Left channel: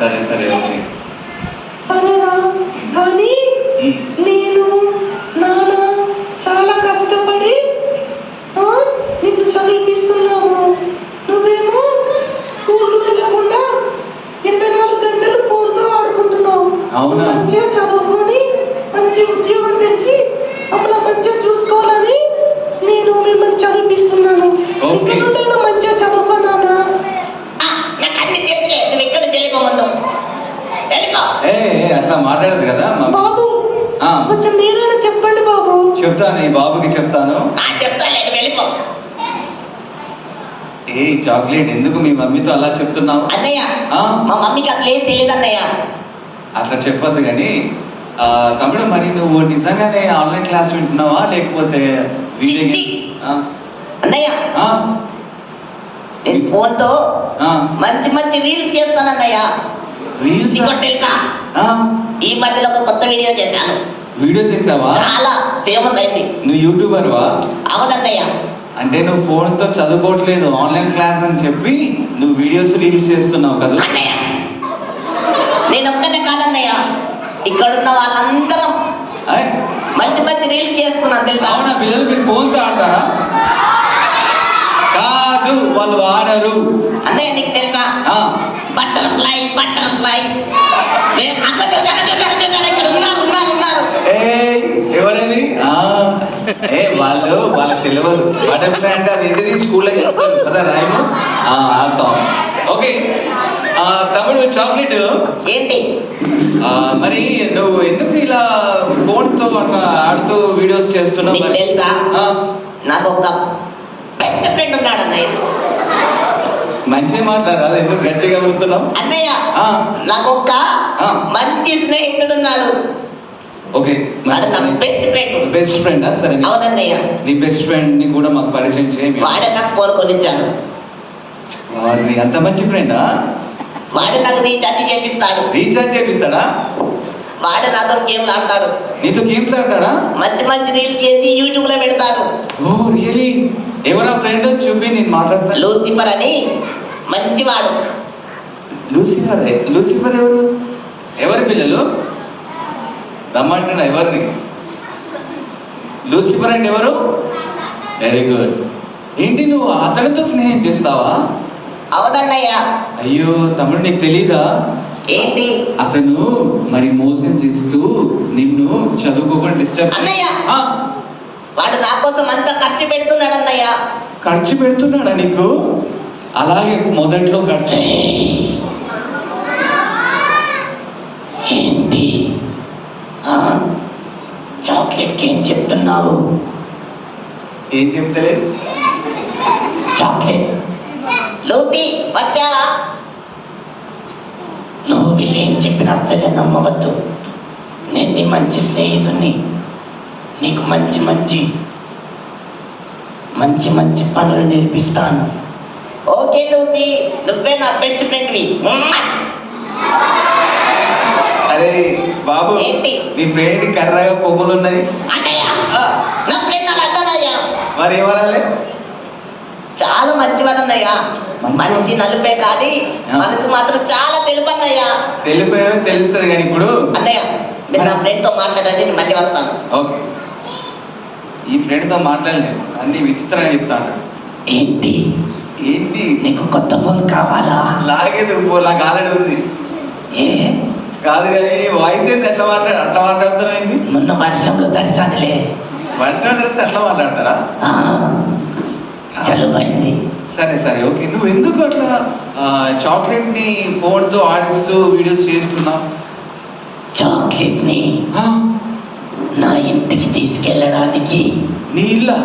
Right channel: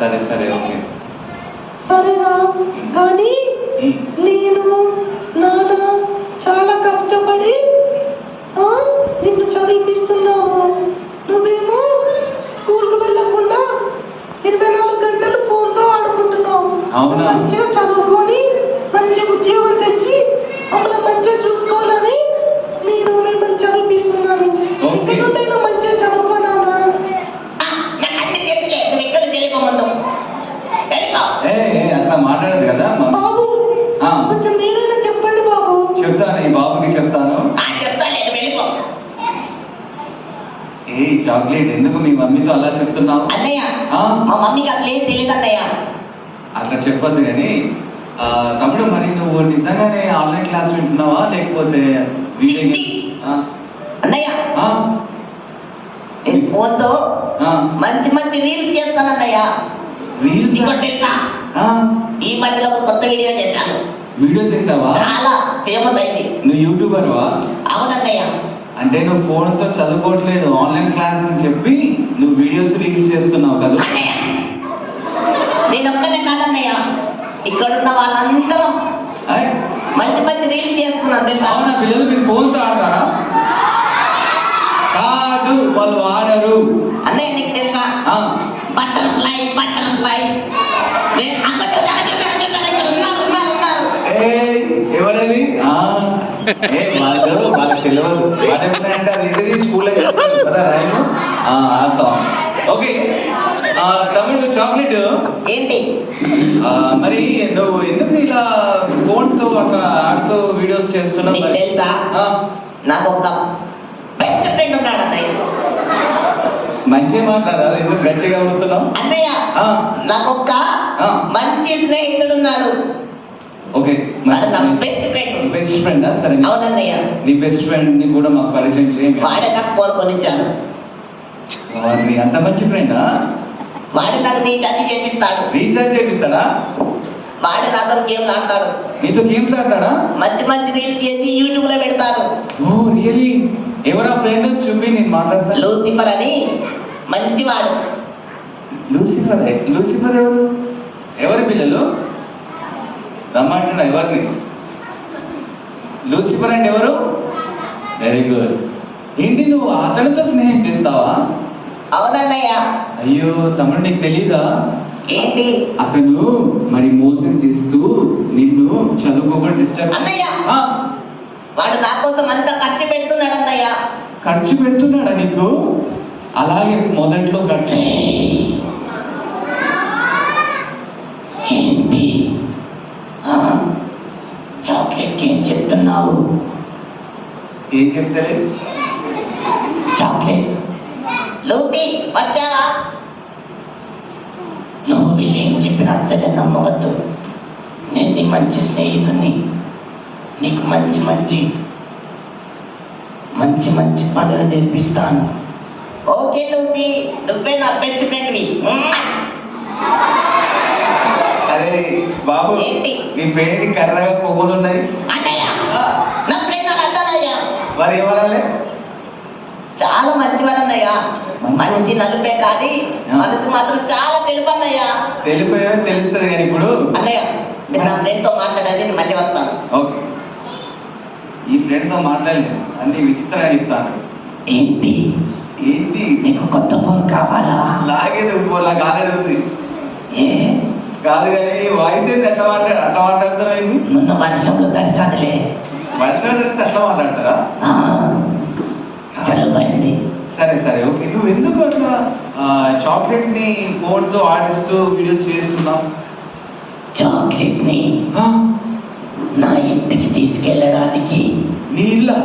సరే సరే ఓకే. సరేనా? కానీ నేను నాన్న చాలా కష్టపడి నిన్ను చదివిస్తున్నాము. నువ్వేమో స్కూల్కి వెళ్ళకుండా 24 గంటలు ఫోన్తో ఆడుకుంటున్నావు. అవునా? మంచిగా చదువుకొని మంచి ఉద్యోగం తెచ్చి అమ్మలా మంచిగా చూసుకోవాలని నేను మిమ్మల్ని చదివిస్తున్నాను. ఇక్కడ మంచిగా చదువుకోనానా? నాకు అన్ని తెలుసులే, నువ్వు ఇక్కడ చేయకముందు అట్లా మాట్లాడదు కదా బాబు. కొంచెం మీరైనా చెప్పండి బాబు. చెప్తాను, ఈ బాబుకి చెప్తాను. చెప్తాను, వెళ్ళిపో. ఏ చాక్లెట్, ఎందుకు మీ మమ్మీతో అలా చెప్తున్నావు? అన్నయ్య, మా మమ్మీకి అసలు ఏం తెలియదు అన్నయ్య. అట్లా చెప్పొద్దు కానీ తమ్ముడు, మరి నువ్వు నిజంగానే ఆన్లైన్ క్లాస్ వింటున్నావా లేకపోతే అన్నయ్య? నేను ఫోన్తో మంచి మంచి రీల్స్ చేస్తాను అన్నయ్య. తెలుసా, ఈ మధ్యలో ఒక కొత్త వీడియో చేశాను. వీడియో చేసావా? చాలా ఫేమస్ అయింది. నువ్వు యూట్యూబర్వా? అవునన్నయ్య. అంటే నువ్వు ఫోన్తో చదువుకోవట్లేదు, ఆన్లైన్ క్లాస్ అని చెప్పి నువ్వు వీడియోస్ రీల్స్ చేస్తున్నావు కదా? నేను ఒక్కనే కాదన్నయ్య, ఇక్కడున్న వాళ్ళందరం మంచి మంచి రీల్స్ చేస్తున్నాను తెలుసా? అవునా? పిల్లలు మీరు ఫోన్తో ఆడతారా? కాదు, వాళ్ళు ఆడరు అన్నయ్య. నీకు తెలుసా, బటర్ఫ్లై బటర్ఫ్లై ఎవరది? వాళ్ళకి తెలియదు. బటర్ఫ్లై అంటే అది ఏంటిది, స్కూల్లో చెప్తారు కదా రాయము, ఆ సాంగ్. ఓకే తమ్ముడు, చాక్లెట్ ఏంటి మరి నువ్వు ఎందుకు ఇలా ఫోన్తో అట్లా ఆడుతూ వీడియోస్ చేస్తున్నావు? తెలుసా, నాకు ఒక బెస్ట్ ఫ్రెండ్ ఉన్నాడు అన్నయ్య. మంచిగా మాట్లాడాలి, ఎందుకు గట్టిగా అడుగుతున్నావు? అన్నయ్య, నాకు ఒక మంచి స్నేహితుడు ఉన్నాడు. Okay, best friend. బెస్ట్ ఫ్రెండా? సరే. అవునన్నయ్య. నీ బెస్ట్ ఫ్రెండ్ ని కూడా మాకు పరిచయం చేయండి. వాడే నాకు ఫోన్ కొనిచ్చాడు. వాడిని అంత మంచి ఫ్రెండా? వాడు నాకు రీఛార్జ్ చేపిస్తాడు. రీఛార్జ్ చేపిస్తాడా? వాడు నాతో గేమ్లు ఆడతాడు. నీతో గేమ్స్ ఆడతాడా? మంచి మంచి రీల్స్ చేసి యూట్యూబ్ లో పెడతాడు. Oh really? ఎవరా ఫ్రెండ్ చూపి, నేను మాట్లాడతాను. లూసిఫర్ అని మంచివాడు. లూసిఫర్? లూసిఫర్ ఎవరు? ఎవరి పిల్లలు రమ్మంటున్నా? ఎవరిని? లూసిఫర్ అంటే ఎవరు? Very good. ఏంటి, నువ్వు అతనితో స్నేహం చేస్తావా? అవునన్నయ్య. అయ్యో తమ్ముడు, నీకు తెలీదా? ఏంటి? అతను మరి మోసం చేస్తూ నిన్ను చదువుకోకుండా డిస్టర్బ్. అన్నయ్య, వాడు నా కోసం అంతా ఖర్చు పెడుతున్నాడు అన్నయ్య. ఖర్చు పెడుతున్నాడా నీకు? అలాగే మొదట్లో ఖర్చు. ఏంటి చాక్లెట్కి ఏం చెప్తున్నావు? ఏం చెప్తలే. చాక్లెట్, లూసీ వచ్చావా? నువ్వు వీళ్ళేం చెప్పినా అసలు నమ్మవద్దు. నేను నీ మంచి స్నేహితుడిని. నీకు మంచి మంచి మంచి మంచి పనులు నేర్పిస్తాను. ఓకే లూసీ, నువ్వే నా బెస్ట్ ఫ్రెండ్వి. అరే బాబు, ఏంటి? నీ ఫ్రెండ్ కర్రగా కొమ్ములు ఉన్నాయి. నా ఫ్రెండ్ అర్థనయ్యా. మరి ఏమనాలి? చాలా మంచివాడు అన్నయ్యా. మనిషి నలుపే కానీ మనసు మాత్రం చాలా తెలుపు అన్నయ్యా. తెలుపు తెలుస్తుంది కానీ ఇప్పుడు అన్నయ్య, నేను నా ఫ్రెండ్తో మాట్లాడండి, నేను మళ్ళీ వస్తాను. ఓకే, ఈ ఫ్రెండ్తో మాట్లాడలేము, అన్ని విచిత్రంగా చెప్తాను. ఏంటి ఏంటి? నీకు కొత్త ఫోన్ కావాలా? లాగే నువ్వు నాకు ఆల్రెడీ ఉంది. ఏ కాదు కానీ వాయిస్ ఏంటి అట్లా మాట్లాడుతామైంది? మొన్న వర్షంలో తడిసానులే. వర్షంలో తెలిస్తే అట్లా మాట్లాడతారా? చలువైంది. సరే సరే ఓకే. నువ్వు ఎందుకు అట్లా చాక్లెట్ని ఫోన్తో ఆడిస్తూ వీడియోస్ చేస్తున్నావు? చాక్లెట్ని నా ఇంటికి తీసుకెళ్ళడానికి. నీ ఇల్లా?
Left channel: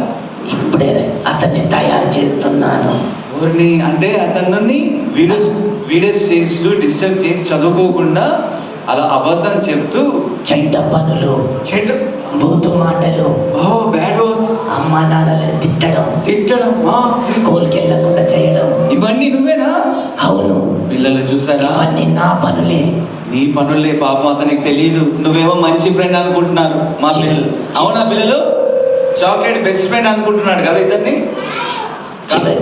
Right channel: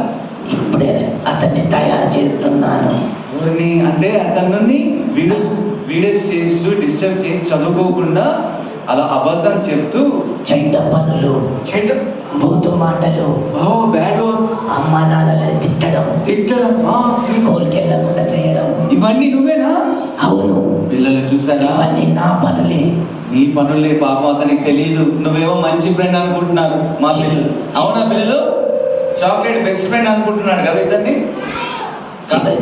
ఇప్పుడే అతన్ని తయారు చేస్తున్నాను. అంటే అతన్ని వీడియోస్ చేస్తూ డిస్టర్బ్ చేసి చదువుకోకుండా అలా అబద్ధం చెప్తూ చెడ్డ పనులు, బూతు మాటలు, బ్యాడ్ వర్డ్స్, అమ్మా నాన్నలను తిట్టడం, స్కూల్కి వెళ్ళకుండా చేయడం, ఇవన్నీ నువ్వేనా? అవును. పిల్లలు చూసారా? ఇవన్నీ నా పనులే. నీ పనులే, పాపం అతనికి తెలియదు. నువ్వేమో మంచి ఫ్రెండ్ అనుకుంటున్నారు మా పిల్లలు. అవునా పిల్లలు? చాక్లెట్ బెస్ట్ ఫ్రెండ్ అనుకుంటున్నాడు కదా ఇద్దరిని.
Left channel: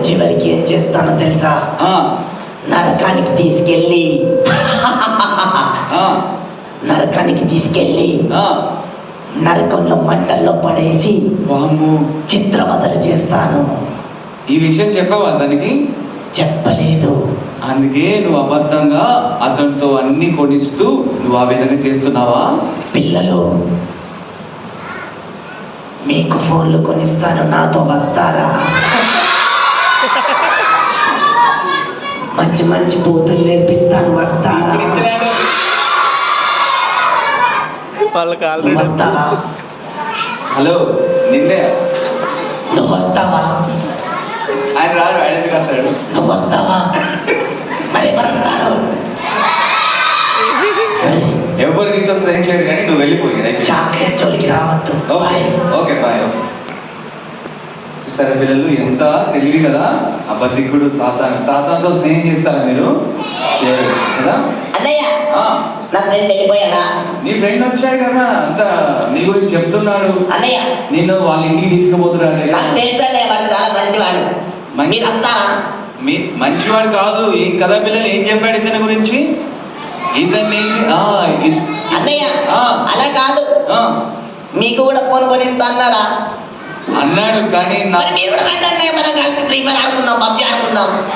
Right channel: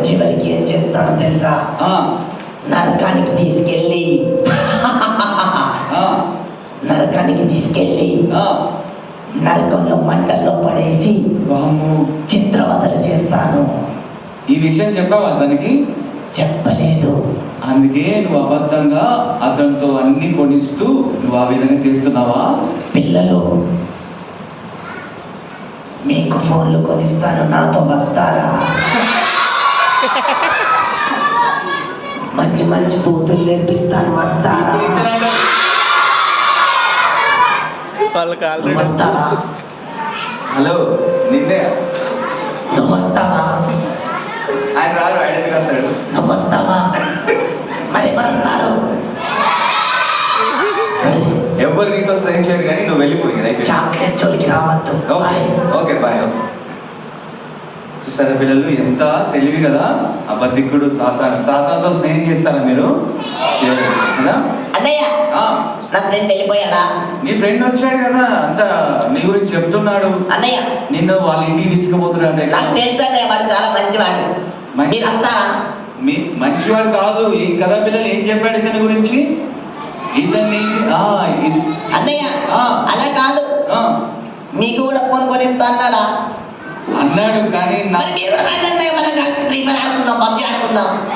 చివరికి ఏం చేస్తానో తెలుసా? నరకానికి తీసుకెళ్ళి తీసుకెళ్ళి ఆ, నరకంలో మంటల్లో పడేసి వామ్మో. చిత్రవదలు చేస్తాను. ఈ విషయం చెప్పావా దానికి? చెప్పలేదు. అందుకే నువ్వు అబద్ధంగా అతనితో అన్ని కొనిస్తూ నువ్వు ఆ విధంగా చేస్తున్నావా? పిల్లలు, మీకు ఫోన్లు కొనిస్తాను, నాతో వస్తారా? మంచి మంచి బూతులు నేర్పిస్తాను, వస్తారా? వాళ్ళకి ఆల్రెడీ వస్తావా? హలో, నిన్నే. నువ్వు వస్తావా? ఆయన రాడు, ఆయన ఎందుకు వస్తాడు? నువ్వు వస్తావా? మరి ఎవరు వస్తారు? సరే, ఎవరు నీతో సహాయం చేయరు కానీ నువ్వు వెళ్ళిపోయింది. చాక్లెట్ జోలికి రావద్దు. Okay bye. Okay bye. Okay. చూసారా పిల్లలు, ఎంత తెలివి కదా. అబద్ధికుడు సాతానుతో స్నేహం చేస్తారా మీరు? చేయరు కదా. అన్నయ్య, ఆ, నా ఫ్రెండ్ వెళ్ళిపోయాడా? నీ ఫ్రెండ్ వచ్చాడు కదా, అంత నీ గురించి చెప్తున్నాడు. అన్నయ్య, నిన్ను వాళ్ళ ఇంటికి తీసుకుపోతున్నాడు. నాకు తెలుసు అన్నయ్య, వాడు చాలా మంచివాడు. మీరు వస్తారా? మీ మంచివాడు కాదు. ఏం కదా పిల్లలు, ఏం చెప్పాడు ఇతని గురించి? ఇతన్ని అన్నయ్య, అలా కాదు, మీకు కూడా ఫోన్ కొనిస్తా అన్నాడా? అన్నాడు కానీ మరి మీరు కూడా రండి అన్నయ్య, మనం కలిసి ఫ్రీ ఫైర్ ఆడుకుందాం, పబ్జి ఆడుకుందాం.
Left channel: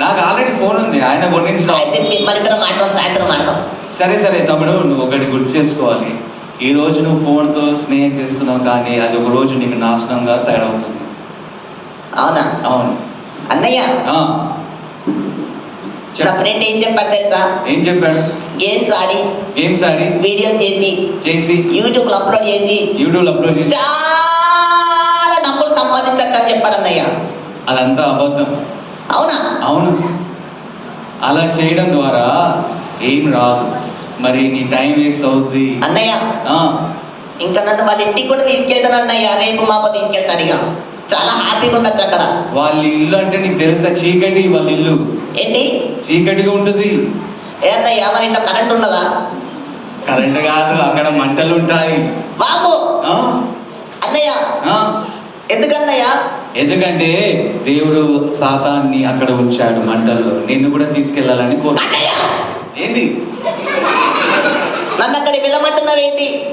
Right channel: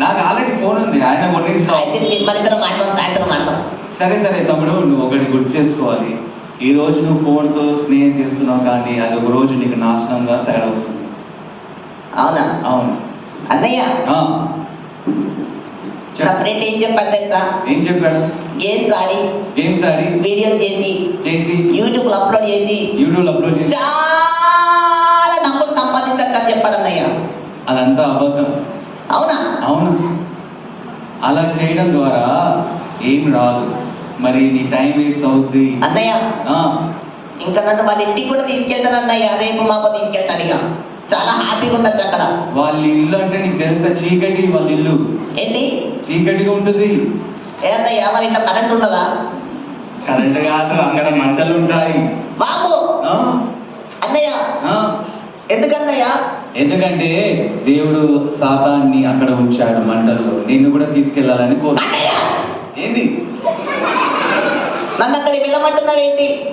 నాకు ఆల్రెడీ ఫోన్ ఉంది, ఆయన కొనించడం. అయితే మన ఇద్దరం ఆడదాం, సాయంత్రం ఆడదాం. సరే సరే తమ్ముడు, నువ్వు ఒకటి గుర్తు చేసుకోవాలి. ఈ రోజు నువ్వు ఫోన్తో స్నేహం చేస్తున్నావు కానీ అది ఒక రోజు నీకు నాశనంగా తయారవుతుంది. అవునా? అవును. అన్నయ్య, ఆ, నా చెప్పు. ఫ్రెండ్ ఏం చెప్పాడు తెలుసా? ఏం చెప్పాడు? గేమ్స్ ఆడి, గేమ్స్ ఆడి వీడియో చేసి యూట్యూబ్ లో అప్లోడ్ చేసి చాలా డబ్బులు సంపాదించచ్చు అని చెప్పాడు అన్నయ్య. అదంతా అబద్ధం. అవునా? అవును. అలా చేయడం ద్వారా ఏం రాదు, మరి నీ టైం వేస్ట్ అవుద్ది. అన్నయ్య, ఆ, ఇంకా నన్ను వాళ్ళ ఇంటికి కూడా తీసుకెళ్తాను అన్నయ్య, రేపు మాకు తీసుకెళ్తాడు. ఇక చాలా హ్యాపీగా ఉండొచ్చు అక్కడ. వాళ్ళ ఇల్లు అంటే నీకు తెలుసా? చీకటి. వాళ్ళ ఇల్లు ఏంటి? చీకటిగా ఉంటుంది. ఏ అన్నయ్య, మన ఇంట్లో కరెంట్ ఉండదా? కరెంట్ కాదు, అక్కడ మంటలు ఉంటాయి. బాబు, ఆ, అన్నయ్య, ఆ, ఎందుకన్నయ్య? ఎందుకంటే దేవుడు సాతాన్ని అక్కడ ఉంచాడు మంటల్లో. నిన్ను కూడా తీసుకెళ్లాలని కోరు. అన్నయ్య, ఏంది? నన్ను అక్కడికి వెళ్ళమంటున్నావేంటి?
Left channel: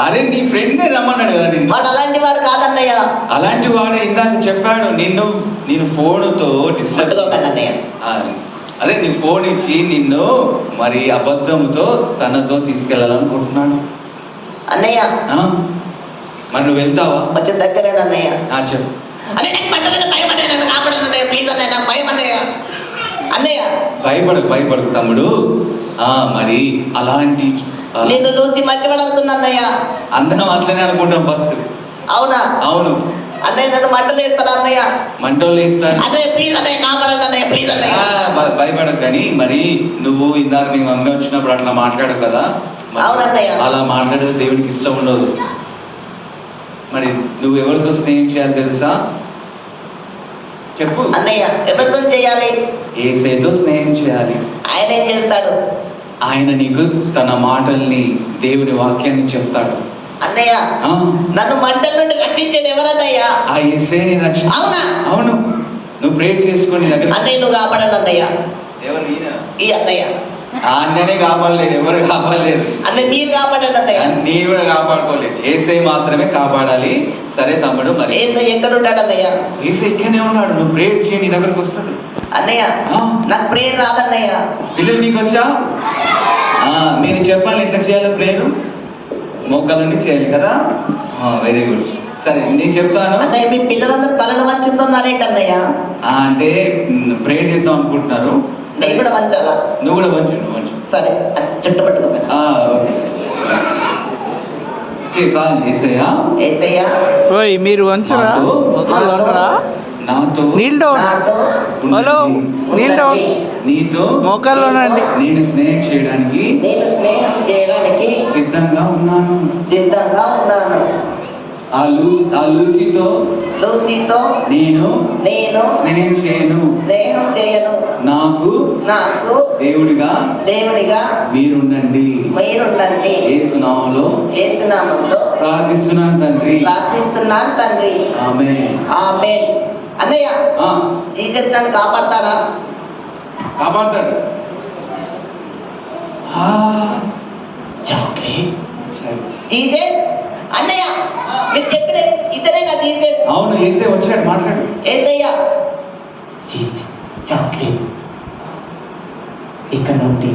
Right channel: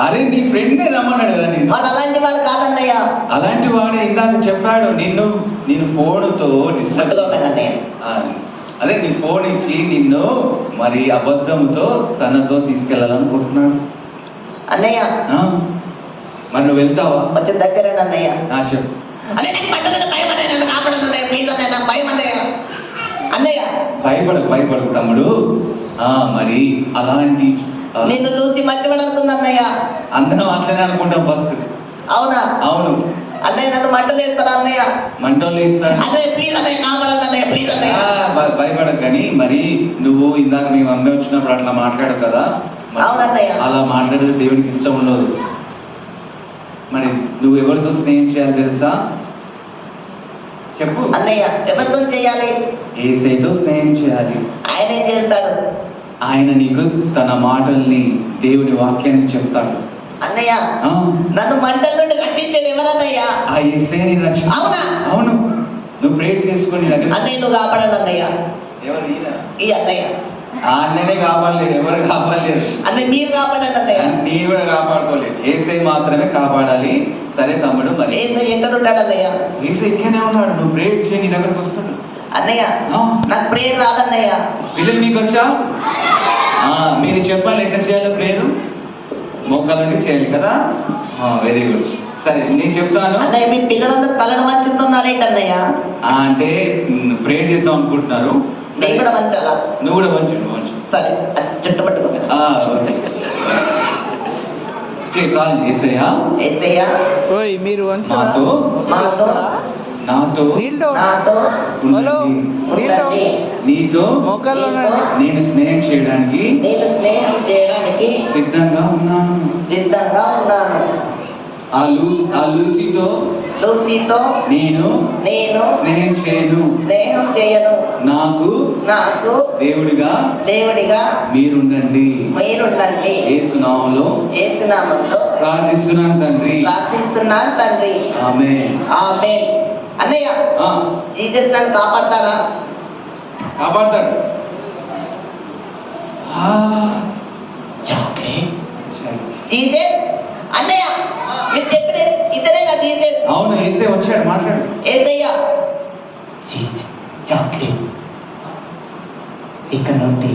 అరే నీ ఫ్రెండే రమ్మన్నాడు కదా నిన్ను. వాడు అలాంటి వాడు కాదన్నయ్య. అలాంటి వాడే ఇందాక చెప్పాడు. నేను ఫోన్తో డిస్టర్బ్. పట్టుకోకండి అన్నయ్య. అదే నీ ఫోన్ ఇచ్చి నిన్ను మరి అబద్ధంతో తనతో తీసుకెళ్లాలనుకుంటున్నాడు. అన్నయ్య, ఆ, మరి నువ్వు వెళ్తావా? కొంచెం దగ్గర అన్నయ్య. చెప్పు. అన్నయ్య, నాకు పట్టలేదు, భయం అన్నయ్య, నన్ను కాపాడను అన్నయ్య, ప్లీజ్ అన్నయ్య, నాకు భయం అన్నయ్య. అన్నయ్య, భయపడకు తమ్ముడు. మరి అలాంటి నిన్ను చూసి మంచివాడు అనుకున్నా అన్నయ్య. అందరం అట్లనే అనుకుంటాం ఫస్ట్. అవునా? అవును. అన్నయ్య, నన్ను మంటలు వేస్తాడా అన్నయ్య? మంటలు వేస్తాడు. అన్నయ్య ప్లీజ్ అన్నయ్య, కాపాడండి అన్నయ్య, ప్లీజ్ అన్నయ్య. భయపడకు కానీ మరి నువ్వు ఇందాక నీ మమ్మీ వచ్చినప్పుడు అట్లా మాట్లాడవు కదా. అవునన్నయ్య. అలా మాట్లాడితే దేవుడికి ఇష్టం ఉండదు. మరి నువ్వు ఎవరితో స్నేహం చేయాలి తెలుసా? చెప్పు. అన్నయ్య, ఎవరితో చేయాలి? యేసయ్యతో స్నేహం చేయాలి. ఆయన ఏం చేస్తాడు? ఆయన నీకు తన మాటల్ని, దేవుని వాక్యాన్ని చెప్తాడు. అన్నయ్య, ఆ, నన్ను మంటల నుండి రక్షించేది ఎవరన్నయ్య? ఆ యేసయ్యని రక్షిస్తాడు. అవునా? అవును. నువ్వు ప్రేయర్ చేసుకుని దగ్గర. అన్నయ్య, నువ్వు కాపాడండి అన్నయ్య. ఎవరు? ఈయన? ఈ అన్నయ్య. ఆ అన్ననే కాపాడలేడు, ఎవరు కాపాడలేరు. అన్నయ్య, మీరు కాపాడండి అన్నయ్య. నేను కూడా కాపాడుకోలేదు, యేసయ్య మాత్రమే కాపాడాలి. సరే తమ్ముడు, మరి ఏసయ్య ఎక్కడ ఉంటాడు అన్నయ్య? యేసయ్య ఇక్కడనే ఉన్నాడు. నువ్వు ప్రేయర్ చేయి, నీ దగ్గరకు వస్తాడు. అన్నయ్య, ఆ, నాకు ప్రేయర్ రాదన్నయ్య. పిల్లలు నీకు వచ్చా? మీరు చెప్పాలి ఎట్లా చేయాలో ప్రేయర్. మోకాల నుండి చేయాలి కదా. Very good. సరే నేను చెప్తాను. అన్నయ్య, మీ పిల్లలందరూ తలను వంచుతున్నారేంటి అన్నయ్య? అంటే ప్రేయర్ చేద్దాం అనుకుంటున్నారు. నేను కూడా వంచాలా? నువ్వు కూడా వంచు. సరే, చుట్టు పట్టుకోమని. యేసయ్య, ఏసయ్య, ఓయ్ మీరు నాతో నీళ్ళు నాతో హలో నీళ్ళు నీతో మోకాల్లోనండి. నేను స్నేహం చేయడానికి నేను స్నేహం చేయడానికి సిద్ధంగా ఉన్నాను. ఆ లూసీతో నేను స్నేహం చేయను. నాకు దేవుడిగా మీరుండండి. యేసు నామములో ప్రార్థిస్తున్నాను తండ్రి. ఆమేన్. అన్నయ్య, జీసస్ నన్ను కాపాడతాడు. జీసస్ అన్నయ్య మీరు చెప్పిన ఇతనేగా జీసస్. అవును ఏసే వచ్చాడు మాట్లాడు. ఏసయ్యా జీసస్ చాక్లెట్ ఇక్కడ నుండి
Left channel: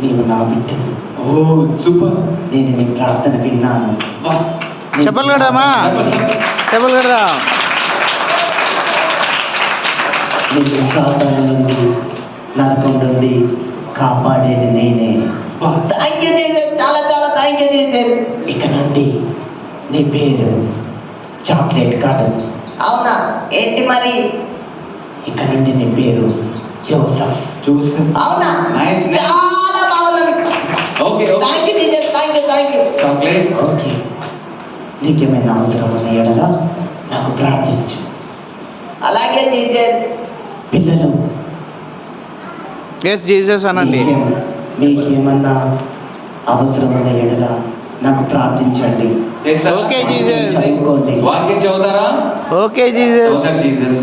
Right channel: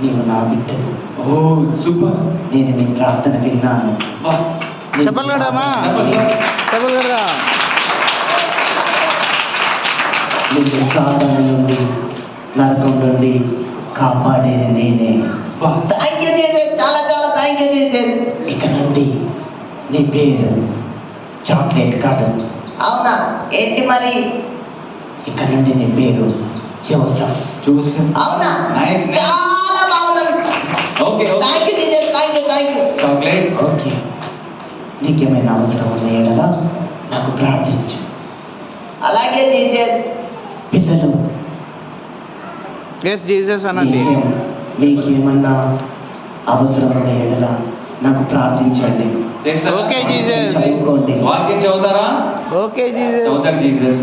నీవు నా బిడ్డకు. ఓ సూపర్. నేను నీ ప్రార్థన విన్నాను. వా. చెప్పలు కడదామా చెప్పండి. చెప్పలు కడదా నీకు సాధన నుండి నరకం నుండి కాపాడేది నేనే. వా. థ్యాంక్ యూ జీసస్, చాలా చాలా థ్యాంక్ యూ జీసస్. ఇక నుండి నీ పేరు చాక్లెట్ కాదు. అవునా ఏంటి మరి? ఇక నుండి నీ పేరు జోసఫ్. జోసెఫ్. అవునా నైస్. చాలా బాగుంది. Okay okay. Thank you Jesus, thank you. Chocolate. Okay నీకేమైనా అవసరం ఉన్న ఎడలా నాకు ప్రార్థించు. అలాగే జీసస్. పిల్లలు ఎస్ జీసస్ అనండి. మీకేమన్నా అవసరం ఉన్న ఎడలా నాకు ప్రార్థించండి. చేస్తారా? Okay Jesus. చదువుకోండి. వాక్యం చదువుతారా? ఓకే జీసస్ చదువుతారు జీసస్.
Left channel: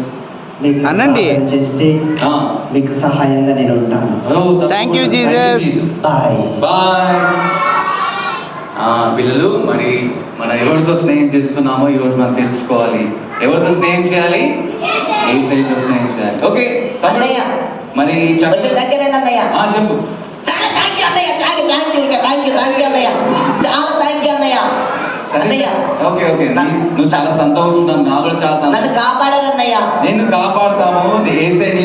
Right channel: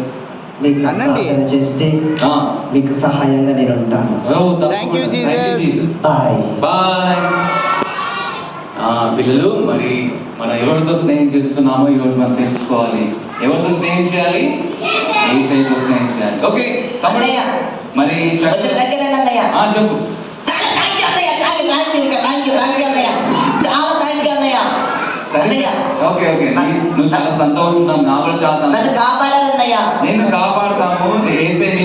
మీకు అనండి. ప్రార్థన చేస్తే ఆ. మీకు సహాయంగా నేను ఉంటాను. ఓ, Thank you, Jesus. Bye. Bye. పిల్లలు మరి మనం ఎవరితో స్నేహం చేస్తున్నామో ఈరోజు మనం తెలుసుకోవాలి. ఎవరితో స్నేహం చేయాలి? యేసయ్యతో స్నేహం చేయాలి. ఓకే తమ్ముడు. అన్నయ్య మరి కొంచెం దగ్గరేనా అన్నయ్య? చెప్పు. చాలా థ్యాంక్ యూ అన్నయ్య, థ్యాంక్ యూ అన్నయ్య, చాలా థ్యాంక్ యూ అన్నయ్య. సరే అన్నయ్య ఓకే ఓకే. నువ్వు చాలా సంతోషం. నా కూడా చాలా నన్ను సంతోషం. కాపాడాలన్నయ్య. నేను కాపాడుతాము. ఏసే నీ